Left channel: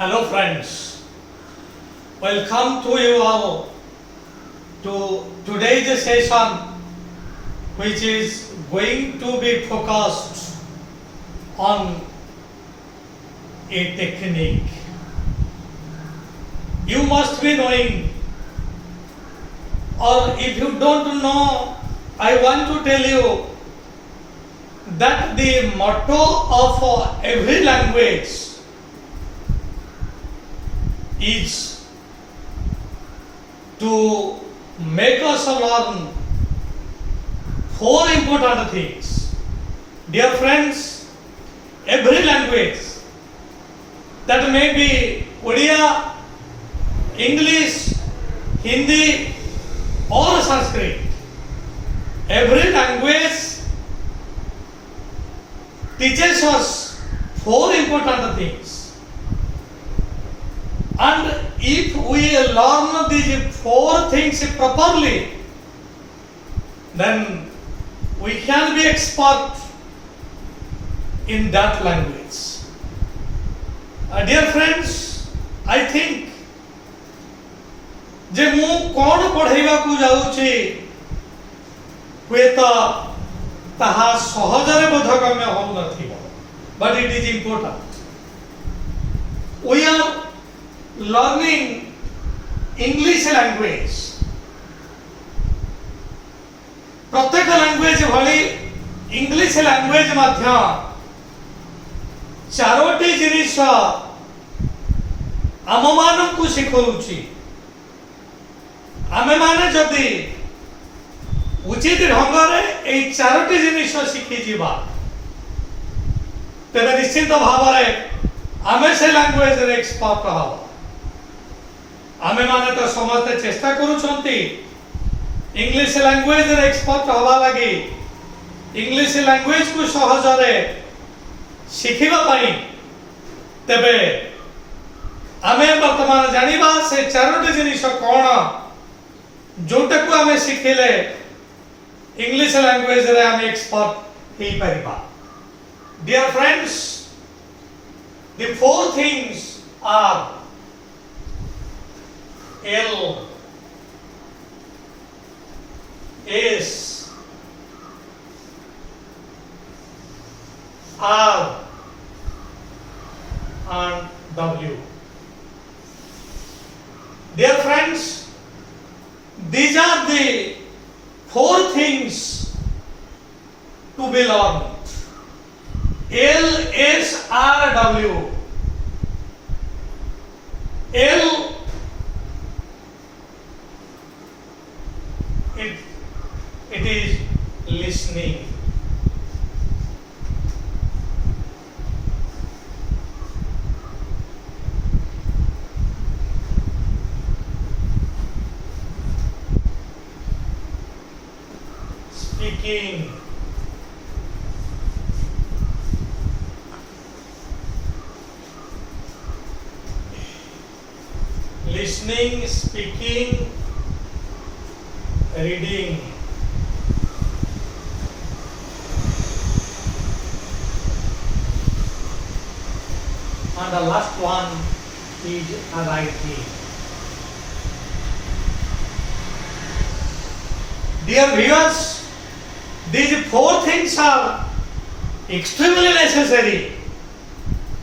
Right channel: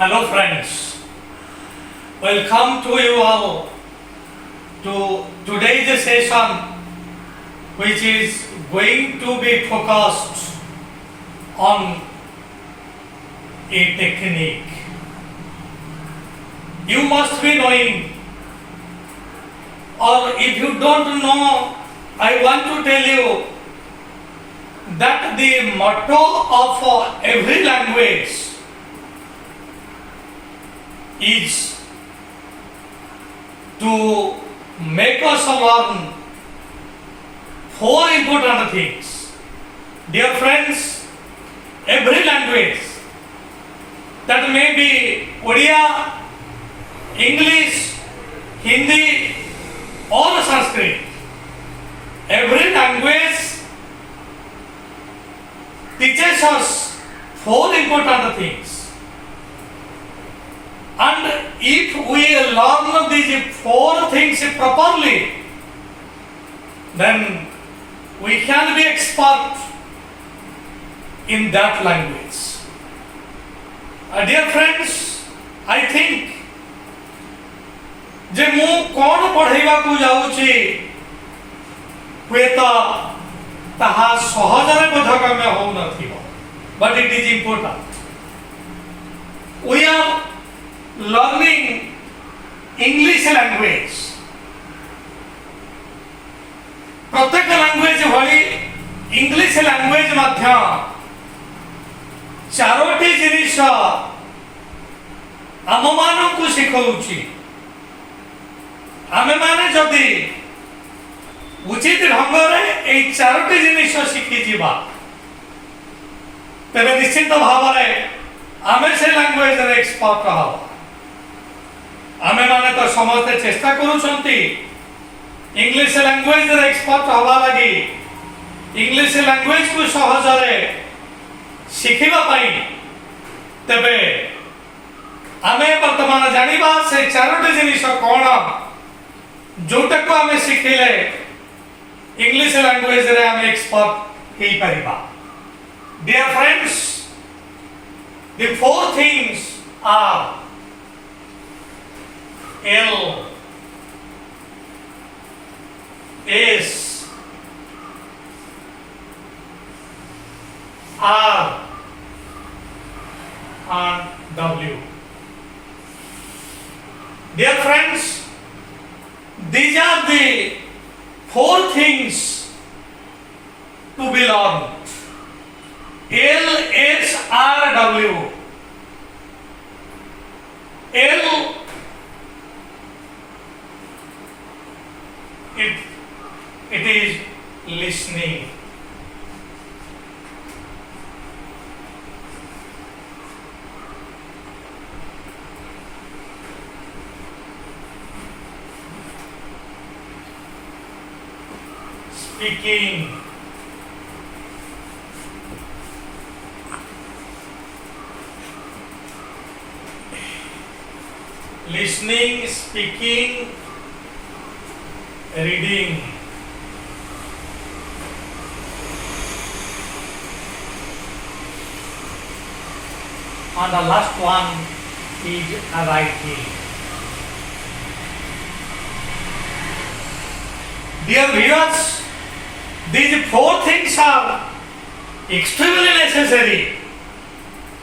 Hello friends, welcome to you all to today's session, which is going to be focused on a technique. You must be knowing, or if you don't know, I want to tell you that the motto of every language is to make us learn four important things. Dear friends, every language, that may be Odia, English, Hindi or Sanskrit, every language teaches us four important things. And if we learn these four things properly, then we can be expert in that language. Dear friends, I think जे मु कौन पढ़ेबा को जाउची हुए तो ताहा सहजरे बोधगम्य हो नथिबो, but it is important. We are learning English language. प्रत्येक language भली इंग्लिश लैंग्वेज मध्य चारोटी जिनिस आम मान को शिखौची. आमे माने जदि उचित ढंग रे ए चारोटी जिनिस शिखि जीवा तेरे निश्चित भाव रे आमे से लैंग्वेज रे एक्सपर्ट हवा. आमे माने तो समस्त चेष्टा करूछंती इंग्लिश लैंग्वेज रे एक्सपर्ट हवा लगी, इंग्लिश लैंग्वेज को सहज रे शिखिबा पाई. तबे आमे वर्तमान जानिबा से चारोटी जिनिस कोन जोटा को आमे शिखिले इंग्लिश लैंग्वेज रे आमे एक्सपर्ट हेई परिबा. Dear friends, the four things are L, S, R and W. Dear friends, these are the four things to be learned. L, S, R, W. L, it is listening. Speaking. Listening, speaking, reading. And the last one is writing. Dear viewers, these four things are extremely necessary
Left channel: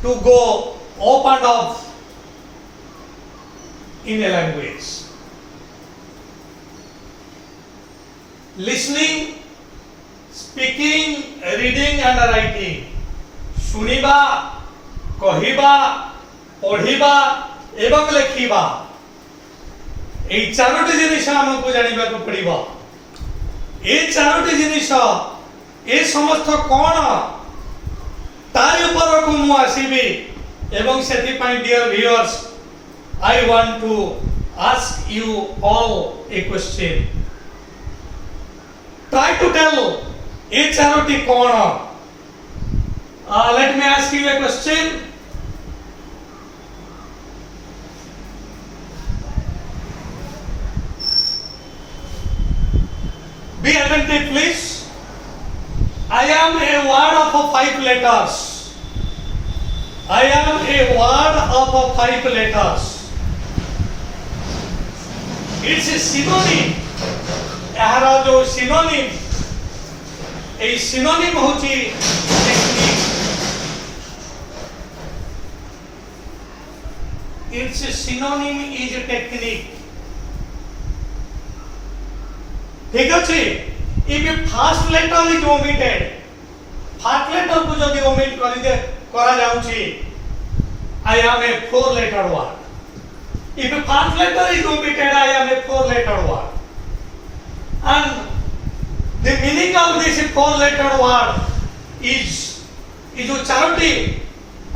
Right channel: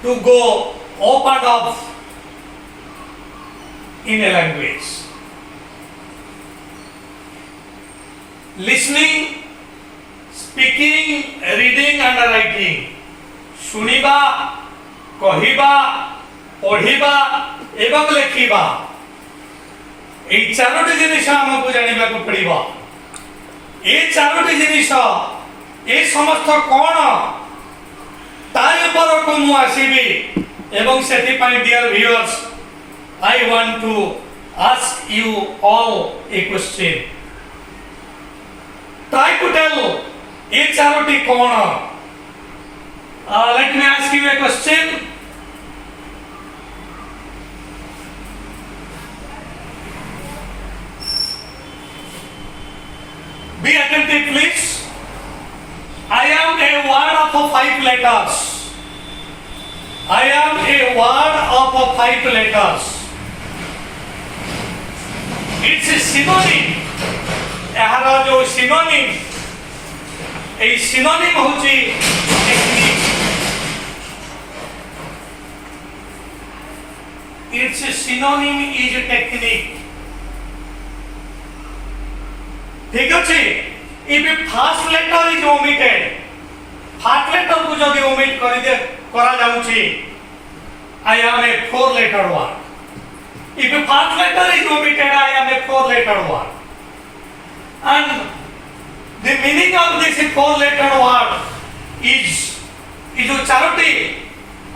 to go up and up in a language. Listening, speaking, reading and writing. सुनिबा, कहिबा, पढ़िबा एवं लेखिबा. ए चारोटी जिनिस हमको जानिबा को पड़िबा. ए चारोटी जिनिस ए समस्त कोन तार ऊपर को मु आसीबी एवं सेति पई dear viewers, I want to ask you all a question. Try to tell a charity corner. Let me ask you a question. Be attentive, please. I am a word of 5 letters. I am a word of of 5 letters. It's a synonym. एहारा जो synonym, ए synonym होची technique. It's a synonym is a technique. ठीक अछि. If a first letter is omitted, first letter को जदि omit करा जाउछि, I am a 4-letter word. If a first letter is omitted, I am a 4-letter word. And the meaning of this 4-letter word is जो चारोटी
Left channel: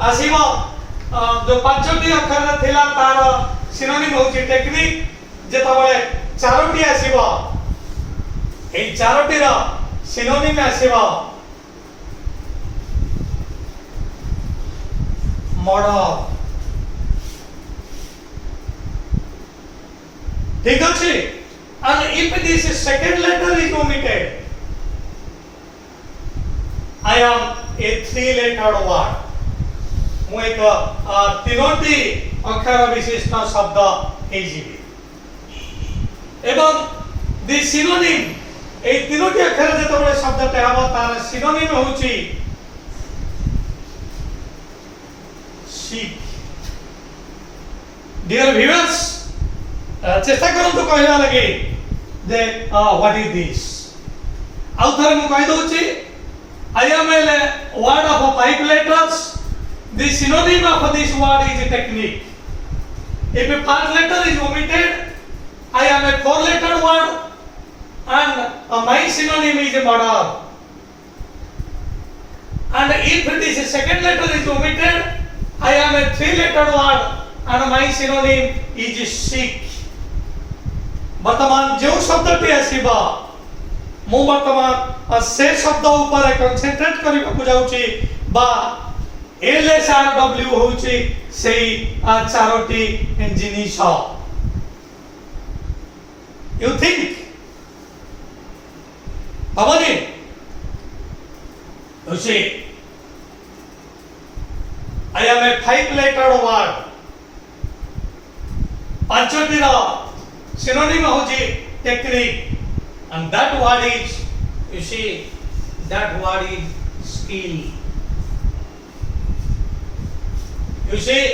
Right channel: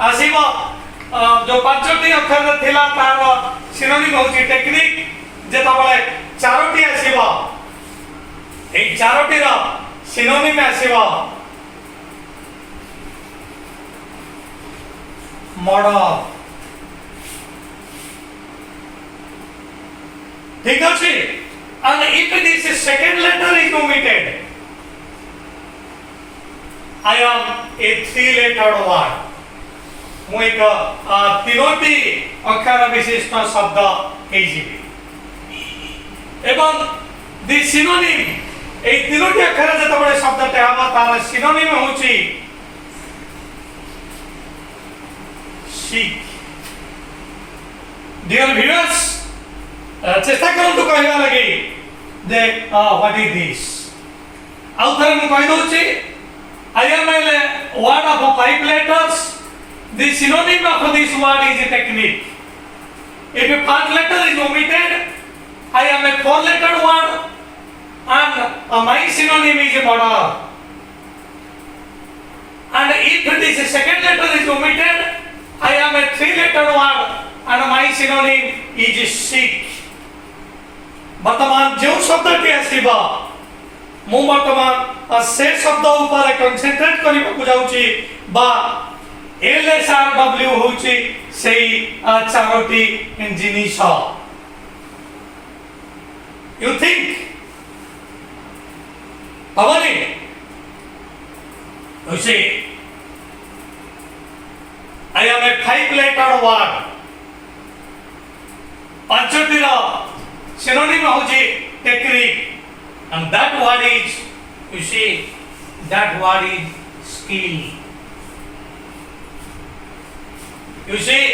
आसीबो जो पांचटी अक्षर थिला तार synonym होची technique जेतबले Charoti आसीबो ए चारोटी रो synonym आसीबो model ठीक अछि and if this second letter is omitted I am a 3-letter word ମୁଁ ଏକ ତିନୋଟି ଅକ୍ଷର ବିଶିଷ୍ଟ ଶବ୍ଦ ହେଇଯିବି ଏବଂ ଦି ସିନୋନିମ୍ এই তিনটি অক্ষর যেতବେଳେ শব্দটি হব তার সিনোনিম হচ্ছে শিখ ডিয়ার ভিউয়ার্স চেষ্টা করন্তু কহিবা লাগি যে হোয়াট ইজ দিস আউ থরে মু কहि দউছি I am a word of 5 letters. The synonym of this word is a technique. If a first letter is omitted, I am a 4-letter word and my synonym is a model. And if this second letter is omitted, I am a 3-letter word and my synonym is Sikh. वर्तमान जो शब्दटी आसीबा मु वर्तमान से शब्द ऊपर concentrate करिबा जाउची बा LSRW होची सेई चारोटी जिनिस यू थिंक भवानी उसे I am a 5-letter word पांचटी row synonym होची technique and that word is you see that word is skill. You see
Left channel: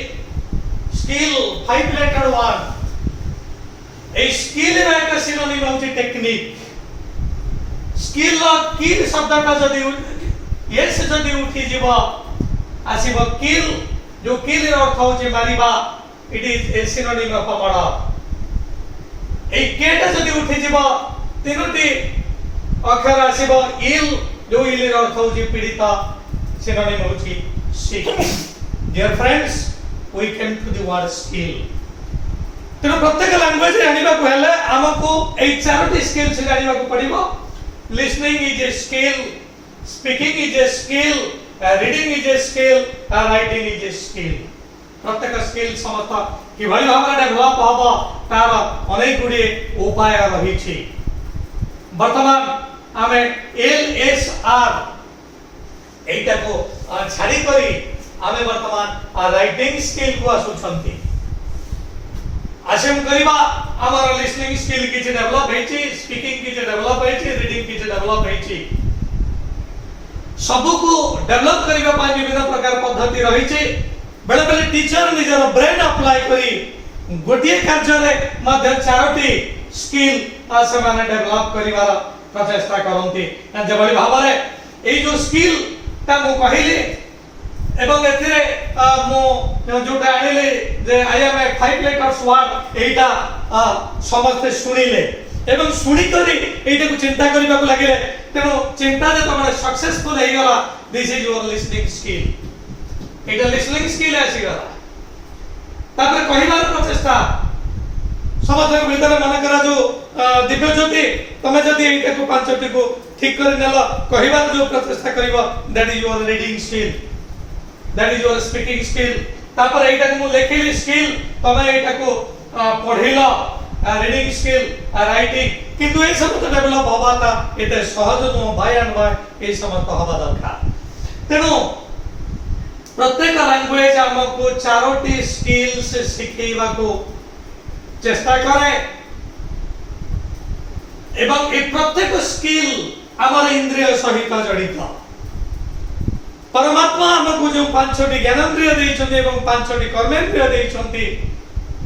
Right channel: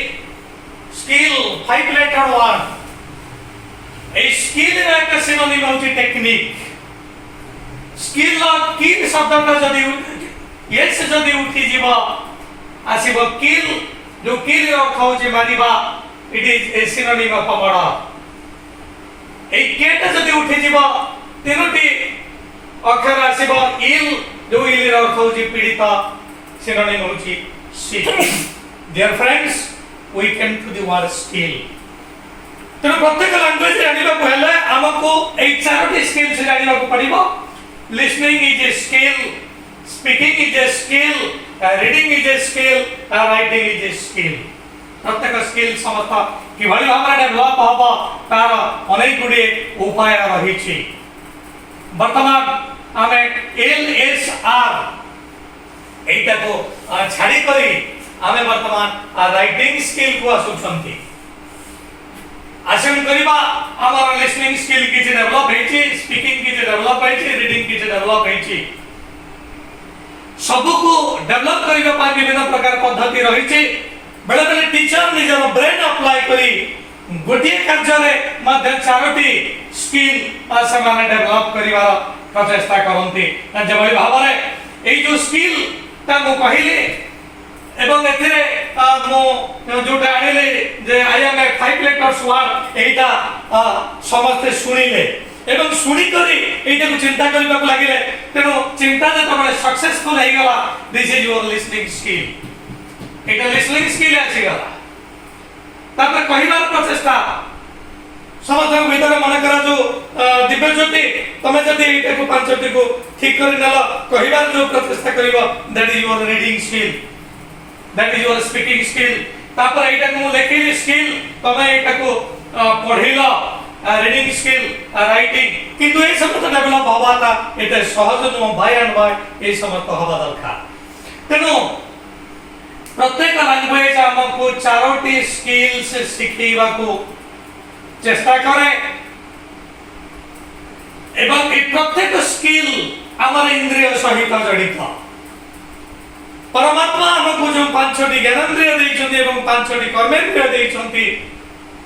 skill 5-letter word a skill is like a synonym of the technique. Skill or kill शब्द का जदि yes जदि उठी जीवा आसीबो kill जो kill row खाउची मारिबा it is a synonym of a murder. ए केटा जदि उठी जीवा तीनोटी अक्षर आसीबो ill जो ill रो खाउची पीड़िता synonym होची sick. Dear friends, we came to the word skill. तेणु प्रत्येक लैंग्वेज जानिबा पहले हमको ए चारोटी स्किल से जानिबा को पड़िबो listening is a skill, speaking is a skill, reading is a skill, writing is a skill. प्रत्येक स्किल समस्त किभଳି भाବରେ डेभलप हबो तार अनेक गुडी उपाय रहिछि वर्तमान हमें LSR एटा को छाड़ी करी हमें वर्तमान राइटिंग स्किल को आसुछंती आशुन करिबा हमर लिसनिंग स्किल किछि डेभलप हेछि स्पीकिंग किछि डेभलप हेछि रीडिंग किछि डेभलप हेछि सब को डेभलप करिबा पा विभिन्न प्रकार पद्धति रहिछि बेले बेले टीचर निजर ब्रेन अप्लाई करी गोटिए कार्य रे मध्य चारोटी स्किल समान डेभलप करिवार प्रचेष्टा करंती जेभଳି भाबरे ए जो स्किल ता मु कहिले एवं एथिरे मो जोटा आनिले जे I M A 5-letter word एटा समस्त सुनिले एवं सुनी करी एटा को चिंता करबा को लागिले तेनो चिंता जे तमने सक्सेसफुल हे गला this is your listening skill Etah listening skill आसी गला तापर कहिबार प्रचेष्टा समस्त भीतर मन करा जो दिव्य ज्योति तमे जदी एटा को पांचटी को ठीक करी नलो कहिबार जो प्रचेष्टा करिवो that is your reading skill that is your speaking skill तापर एटा को लेखिली स्किल तमे एटा को पढिलो रीडिंग स्किल राइटिंग किंतु ए सब तो डेभलप होबाता एटा सहज नो बाय एंड बाय ए समस्त होबा दरकार तेनो प्रत्येक लैंग्वेज हमको चारोटी स्किल्स शिखेबा को चेष्टा करे एवं ए प्रत्येक स्किल हमारे इंद्रिय सहित जड़ित। परमात्मा हमको जो पांचटी ज्ञानेन्द्रिय देइछन्ति एवं पांचटी कर्मेन्द्रिय देइछन्ति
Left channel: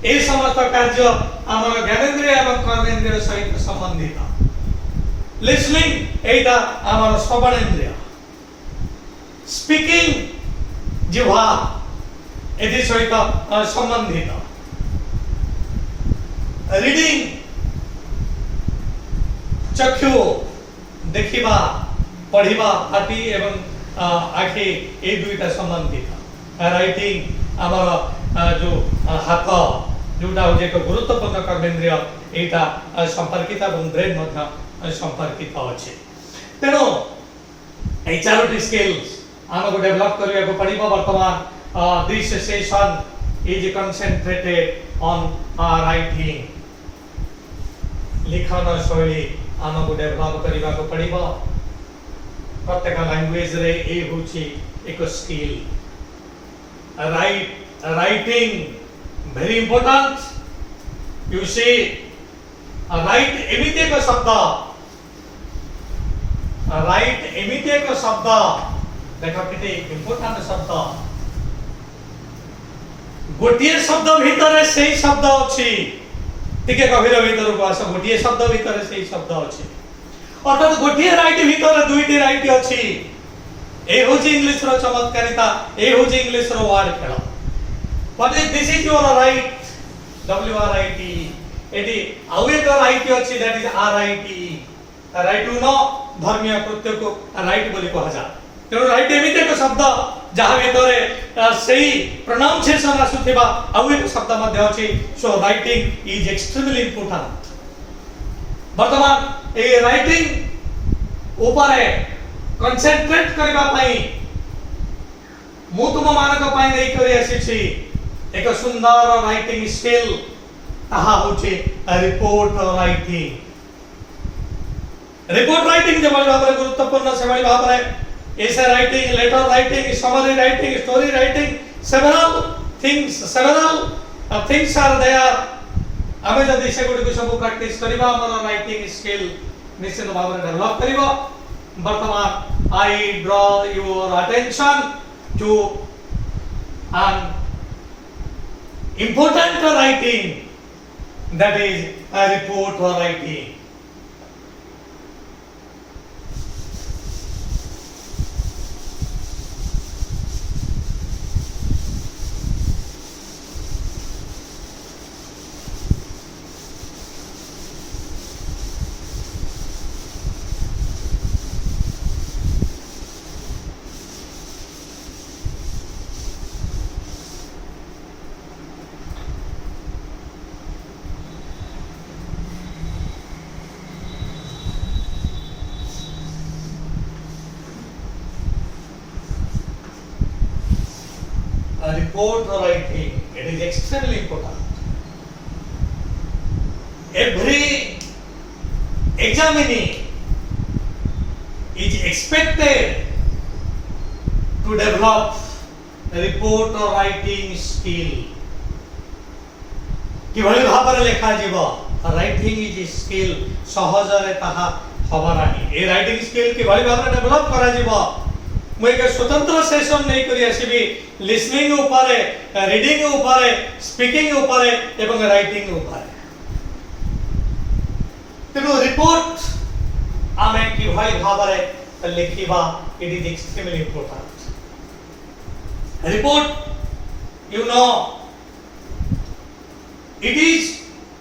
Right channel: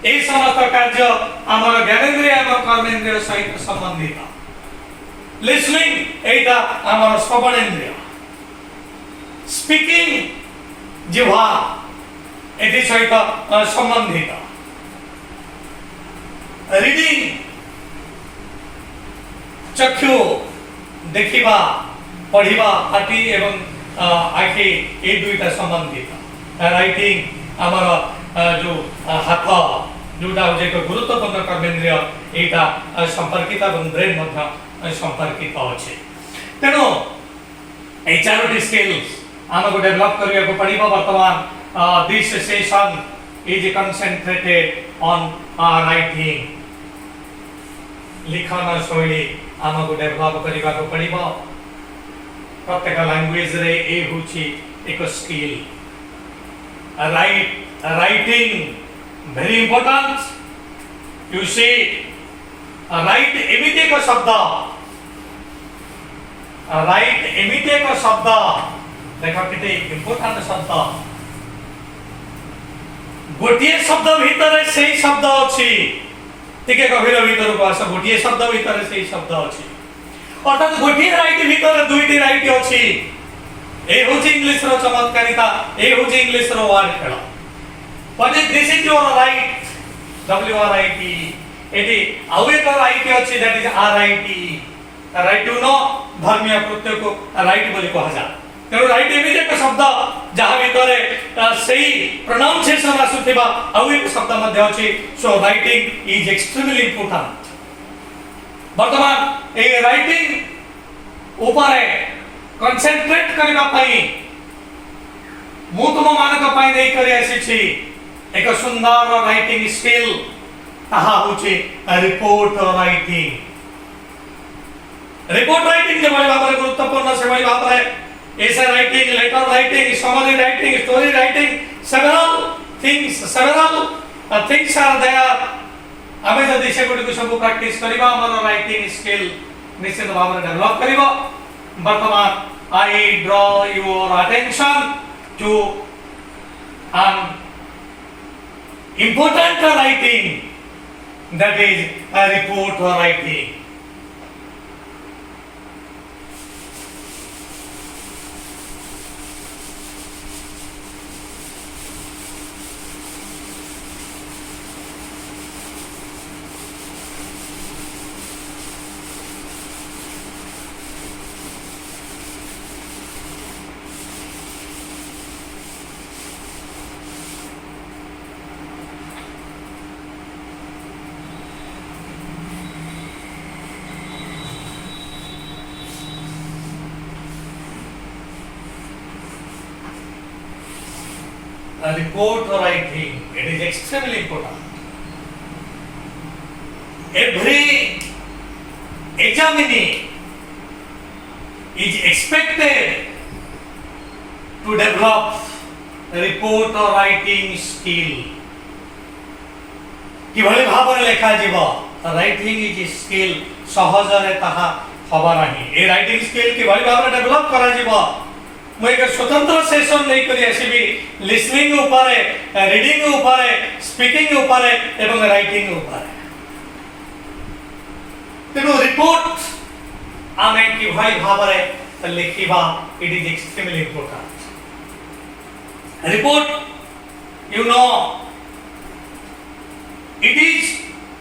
ए समस्त कार्य हमारा ज्ञानेन्द्रिय एवं कर्मेन्द्रिय सहित संबंधित। लिसनिंग एटा हमारा श्रवणेन्द्रिय, स्पीकिंग जिह्वा एति सहित संबंधित, रीडिंग चक्षु देखिबा पढ़िबा आखि एवं आखि ए दुईटा संबंधित, राइटिंग हमारा जो हाथ जोटा हो एक गुरुत्वपूर्ण कर्मेन्द्रिय एटा संपर्कित एवं ब्रेन मध्य संपर्कित अछि। तेणु ए चारोटी स्किल्स हमको डेवलप करिया को पड़िबा। वर्तमान this session is concentrated on writing, लिखन शैली हमको डेवलप करिया को पड़िबा। प्रत्येक लैंग्वेज रे ए होची एक skill. Writing very important. You see write एमिति एक शब्द, राइट एमिति एक शब्द देखो केते इंपोर्टेंट शब्द। गोटिए शब्द भीतर सेही शब्द अछि, टिके गभीर भीतर को आस। गोटिए शब्द भीतर सेही शब्द अछि, अर्थात गोटिए राइट भीतर दुईटी राइट अछि। ए होची इंग्लिश रो चमत्कारिता, ए होची इंग्लिश रो वर्ड खेल। What is this is your write, W R I T. एटी आउ एक राइट अछि, that is R I T. Right to know धर्मीय कृत्य को राइट बोली कहा जा। तेणु राइट एमिति एक शब्द जहाँ भीतर सही प्रोनाउंसिएशन आसुथिबा आउ एक शब्द मध्य अछि। So writing is extremely important. वर्तमान ए राइटिंग ऊपर कंसंट्रेट करबा पई मु तुम मानक पई नै करि आसी एक सुंदर राइटिंग स्किल, ताहा होछि रिपोर्ट राइटिंग। रिपोर्ट राइटिंग जे बड़ी भाबरे गुरुत्वपूर्ण से बड़ी भाबरे essay writing, letter writing, summary writing, story writing, several things are there। आमे जदि से गुडी को सब प्रैक्टिस करिबा हमर राइटिंग स्किल निश्चित भाबरे डेवलप करिबो। वर्तमान I draw your attention to an important writing, that is a report writing। A report writing, it is extremely important। Every examinee is expected to develop report writing skill। किभली भाबरे लेखा जीव writing is skill सहजरे ताहा हबा नाही। ए writing skill किभली भाबरे डेवलप करा जीव मु एक स्वतंत्र सेशन नहीं करी आसीबी। लिसनिंग ऊपर, रीडिंग ऊपर, स्पीकिंग ऊपर एवं राइटिंग ऊपर। तेणु रिपोर्ट आमे किभली भाबरे लिखिबा it is extremely important. Report you know it is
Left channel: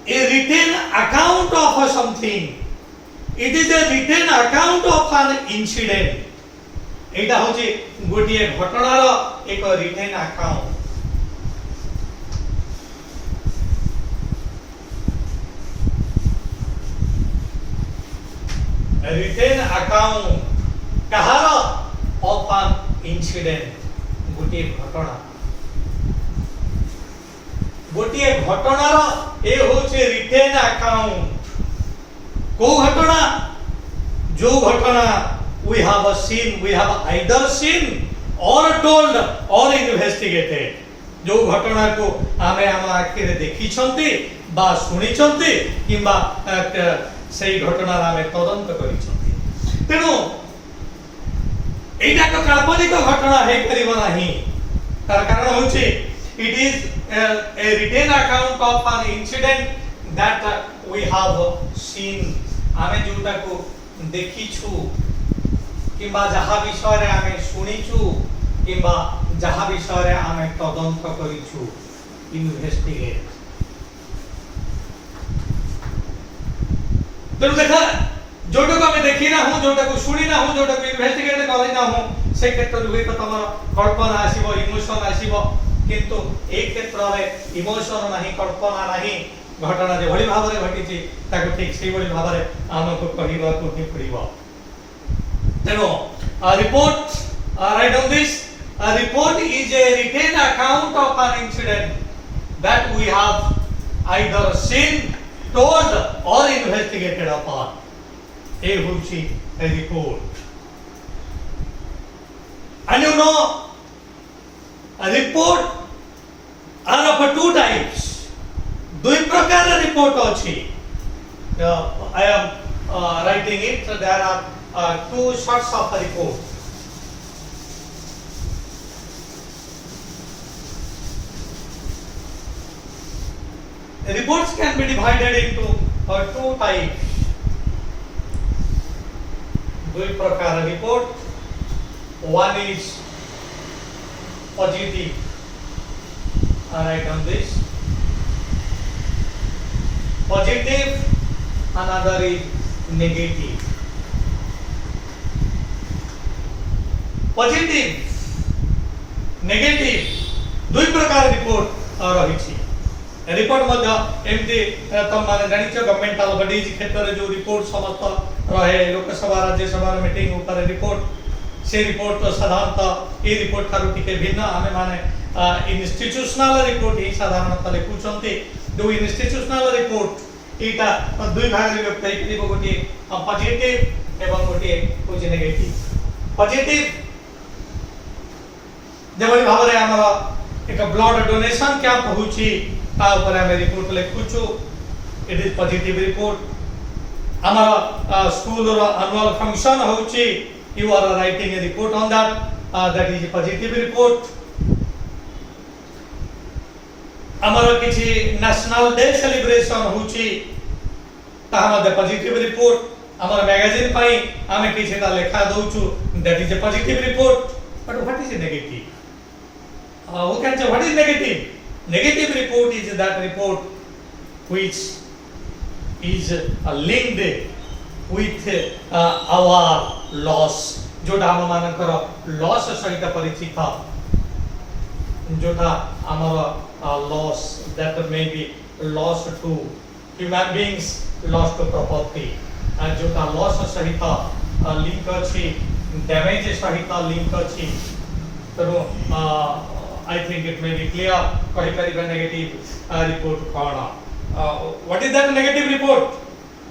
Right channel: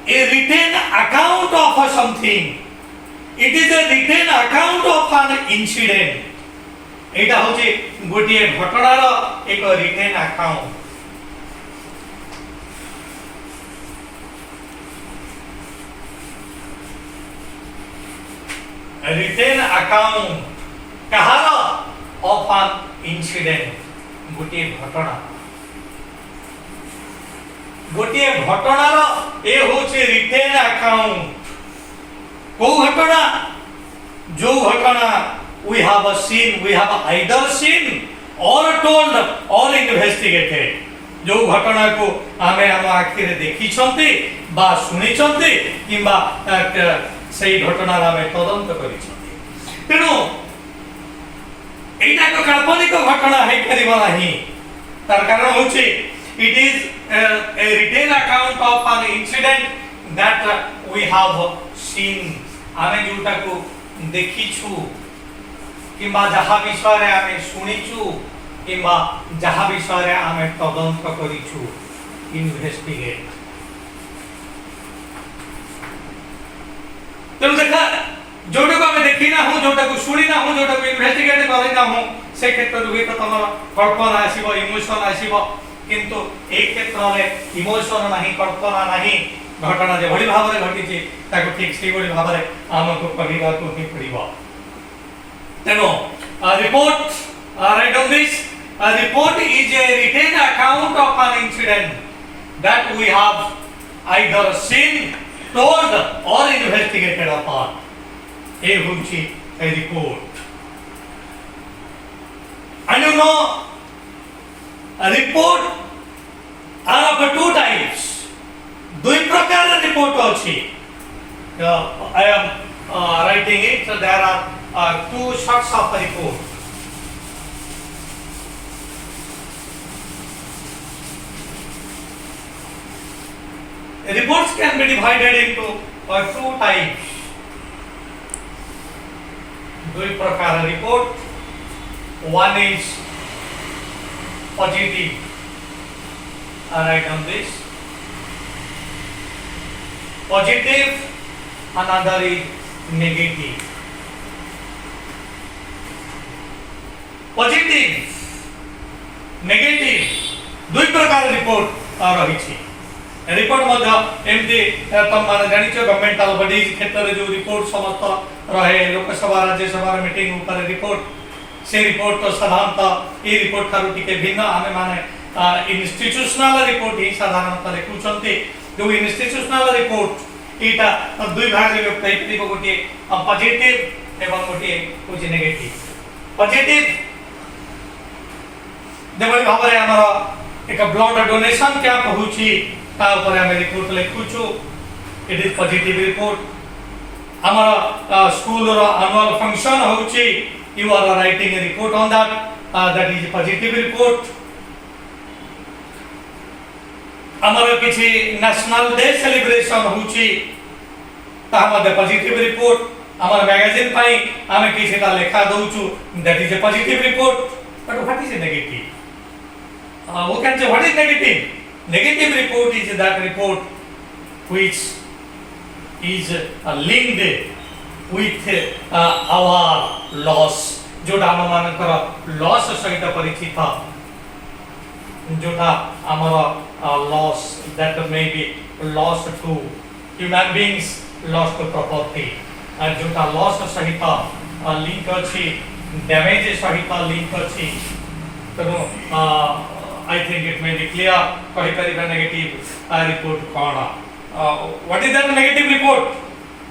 a written account of something, it is a written account of an incident। एटा होची गोटिए घटनार एक written account। written account Kahar of an incident, गोटिए घटना। गोटिए घटनार ए होचे retain account. को घटना? जो घटना we have either seen or told or investigated जो घटना को आमे हम आखिर देखी छंती बा सुनी छंती किंबा सही घटना आमे तदंत करी छंती तेणु एटा तो काल्पनिक घटना है परिबा नहीं तार कारण होची it is a written account of an incident that we have seen आमे जोटा को देखी छु किंबा जहा विषय रे आमे सुनी छु किंबा जहा विषय रे आमे तदंत करी छु इन्वेस्टिगेट तेणु देखा जोटा को आमे देखी ना हूं जोटा को सुनी ना हूं जोटा को इन्वेस्टिगेट करे ना हूं से क्षेत्र हुए तो तमर कल्पना आसीबो इमोशन आसीबो किंतु एक क्षेत्र में इमोशन नहीं कल्पना नहीं घटना जे भली भाव रे घटी छी ताको ठीक से भली भाव रे हमको कहिबा को ही पड़िबो तेनो report right on this a report is a written account of an incident that we have either seen told or investigated upon a huchi a report and you know a report are of two types दुई प्रकार report अछि I am writing it so there are two sorts of report reports can be divided into two types दुई प्रकार report one is positive I write on this positive another is negative positive negative दुई प्रकार report रही छी report मध्य एमती तुम माने जानिछ governmental bodies क्षेत्र रे जो रिपोर्ट समस्त रहे लोकसभा राज्यसभा मीटिंग ऊपर रिपोर्ट से रिपोर्ट तो साधारणतः ए रिपोर्ट थारु टिके भिन्न आमे माने इंस्टीट्यूशनल रिपोर्ट ही साधारणतः लिखुछंती दो इंस्टीट्यूशनल रिपोर्ट एटा दुई भाग रे व्यक्त हेतिबो गोटे पॉजिटिव एवं गोटे कुछ नेगेटिव पॉजिटिव देवरी भाव रे हमर एक ब्लड डोनेशन कैंप होउची ता ऊपर हम रिपोर्ट लिखुछु इट इज पॉजिटिव रिपोर्ट हमर स्कूल रो एनुअल फंक्शन होउची you are writing a report on that is positive report हमर किछि नेशनल डे सेलिब्रेशन होउची ता हमर पॉजिटिव रिपोर्ट हमर मैगजीन पाई हम किछि ता लेखा दोउछु that is a positive report but what is a negative we can say what is negative negative report is that report which is linked with our loss जोटा हम मानकर लॉस सहित परिचित जोटा हमर loss that may be loss to human beings loss to property and जोटा loss सहित link अछि डैमेज सहित लिंक अछि तो I think it may be clear कहि परिबा नेगेटिव report कोना what is that negative report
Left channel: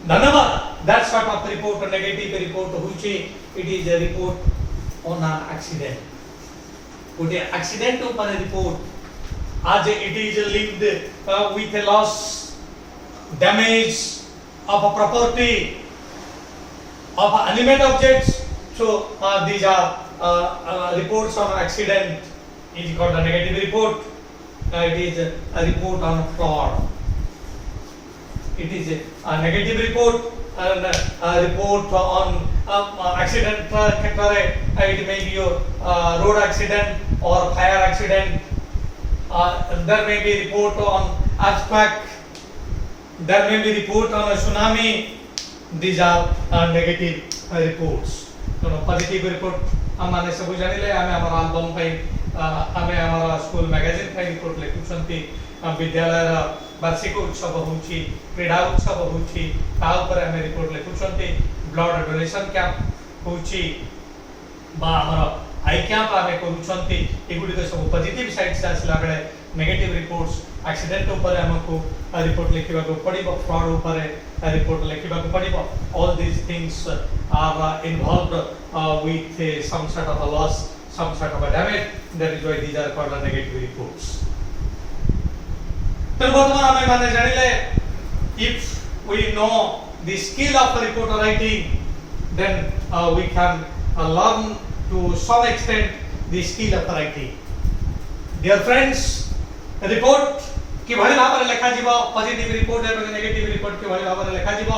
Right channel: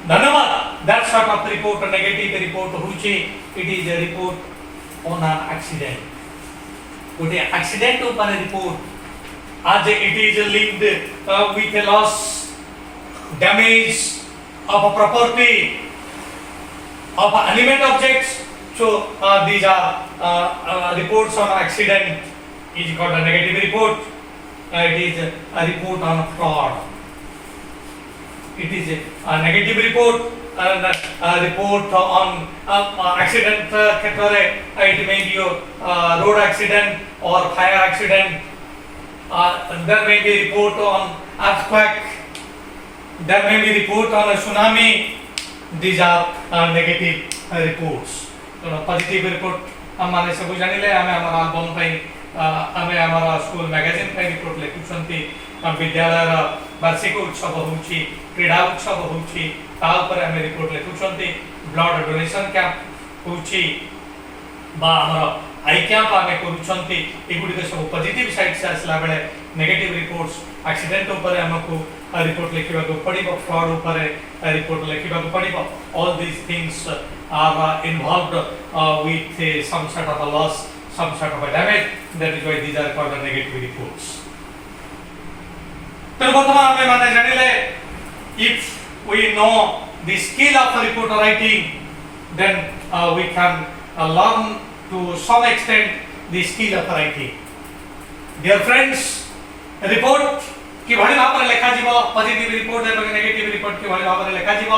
धन्यवाद that sort of report negative report होछि it is a report on an accident गोटे accident ऊपर report as it is linked with a loss damage of a property of animate objects so these are reports on accident is called a negative report it is a report on fraud it is a negative report and a report on accident it may be a road accident or fire accident there may be report on earthquake there may be report on a tsunami these are negative reports so positive report हम माने सब जानिले हमें हमर album पई हमें हमारा school magazine पे report लिखुछंती विद्यालय वार्षिक उत्सव होउची क्रीड़ा उत्सव होउची ता ऊपर हमें रिपोर्ट लिखुछंती ब्लड डोनेशन कैंप होउची बा हमर आई कैंप हमें करूछंती एगुडी के सब पॉजिटिव साइड से आसला बेले नेगेटिव रिपोर्ट्स एक्सीडेंट ऊपर हमको रिपोर्ट लिखिबा को पड़िबो फ्रॉड ऊपर रिपोर्ट लिखिबा को पड़िबो all these things are involved with some sort of a loss some sort of a damage. That is why these are called the negative reports. तो बर्तमान हमें माने जानिले if we know the skill of reporter writing, then we can learn to some extent the skill of writing. Dear friends, report कि भली भाବରେ ଲେଖା ଯିବ, positive report ଏବଂ negative report କି ଭଳି ଭାବରେ ଲେଖା ଯିବ,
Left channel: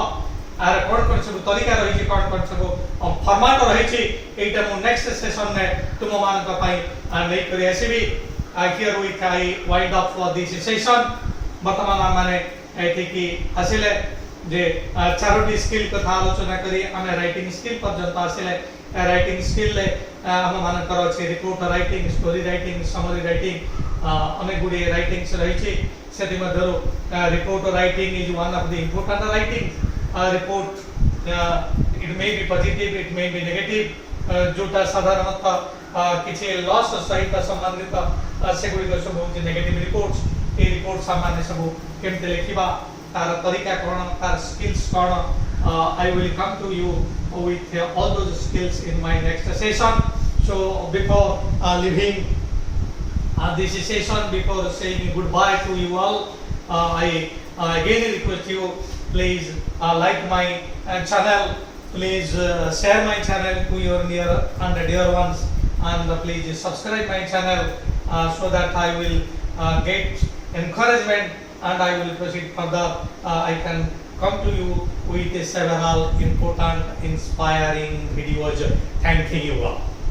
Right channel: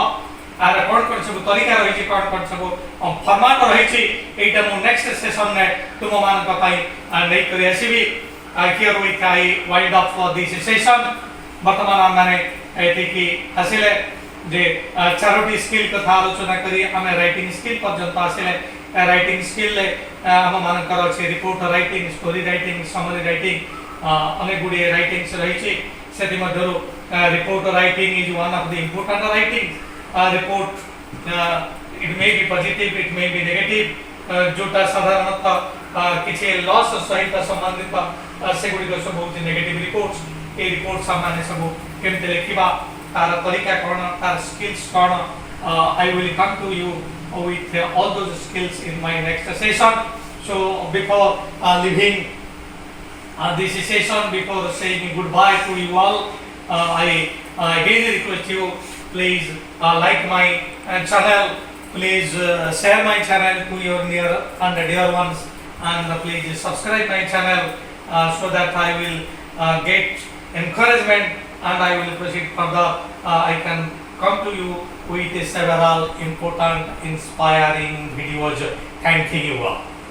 आर कोन कोन सब तरीका रही कोन कोन सब फॉर्मेट रही एटा मो नेक्स्ट सेशन में तुम मान का पाई नै करी आसीबी हियर वी काई wind up for this session वर्तमान माने एति की हसिले जे चारोटी स्किल कथा आलोचना करी हमें राइटिंग स्किल पर्यंत आसिले राइटिंग स्किल ले हम मान करो छै report writing, story writing, summary writing अनेक गुडी राइटिंग्स रही छी सेति मधरो report writing is one of the important writing report. It may be positive, it may be negative. जोटा साधारणतः किसी लॉस सहित संबंधित सेगुडी को सब होती नेगेटिव रिपोर्ट्स ए रिपोर्ट सामान्य सब केमते लिखिबा तार तरीका कोन तार skills cone I will come to you with all those skills in my next session. So before leaving this session, before saying goodbye to you all, I again request you, please like my channel, please share my channel to your near and dear ones, and please subscribe my channel so that I will get encouragement and I will proceed further. I can come to you with several important inspiring videos. Thank you all.